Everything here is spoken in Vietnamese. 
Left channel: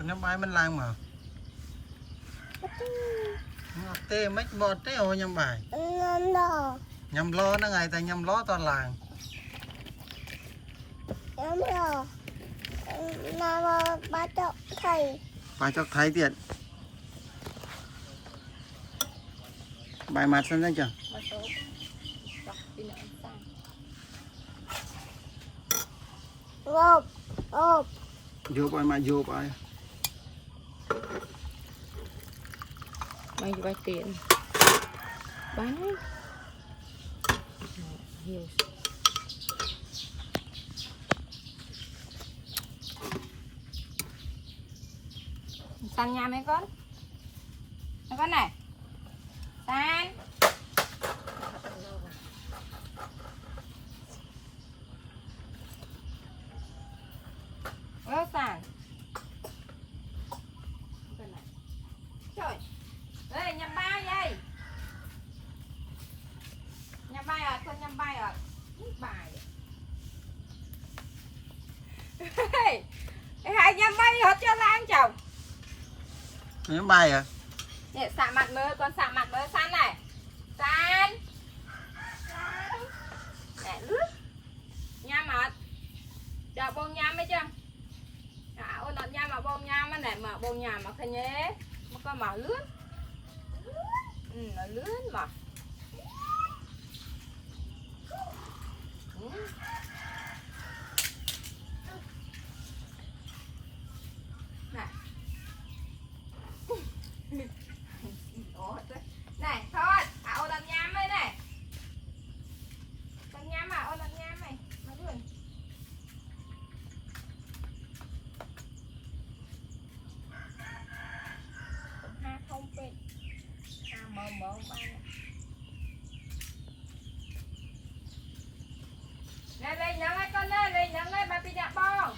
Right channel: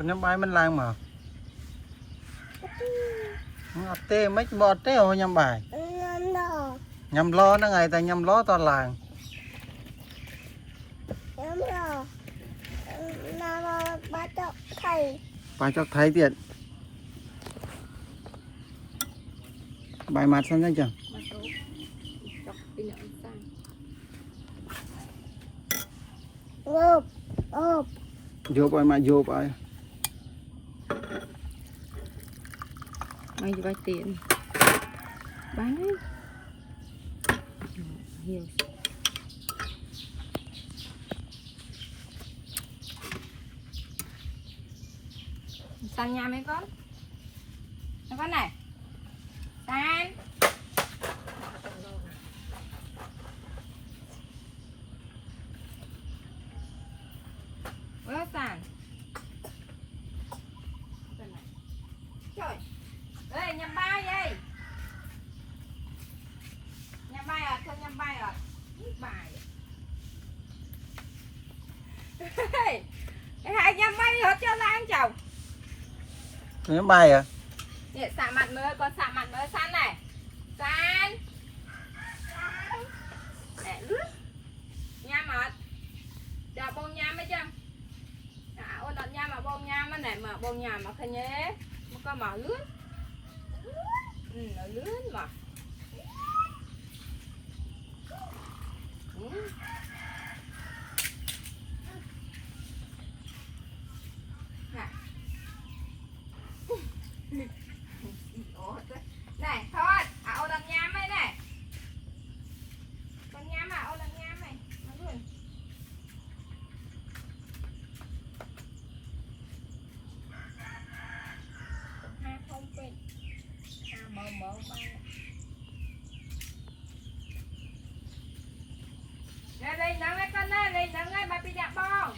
con nhắm bài mình lang mà tê mấy bọt tê hồi nhắm bài nhắm lo nó ngày ta nhắm lo toàn làng bài cho thấy tiền bài mặt sân ra chưa vô bài mà vô bài mày vay tiền bán ấy nhiều san nhà mấy con này san ơ san trời ê nhầm ba vậy nhầm bay à thôi nhầm bay à bài hai nhầm bay hết cho lan chồng nhắm bài à Nè, xạ mặt mơ, con xạ mặt mơ San này San Nè, lướt Nha mặt Cho bông nhám mấy chăng ôn đợt nha mà bông nhám này mà bông nhà mà khơi nhé mà con màu lướt nó lướt mà này thôi ô đầm nhám ấy này đầm nhám ô đầm nhám này nó luôn ha không bên ha mờ mờ ba này lên nắng ấy con ơi lên nắng ấy bà bị nhạ bong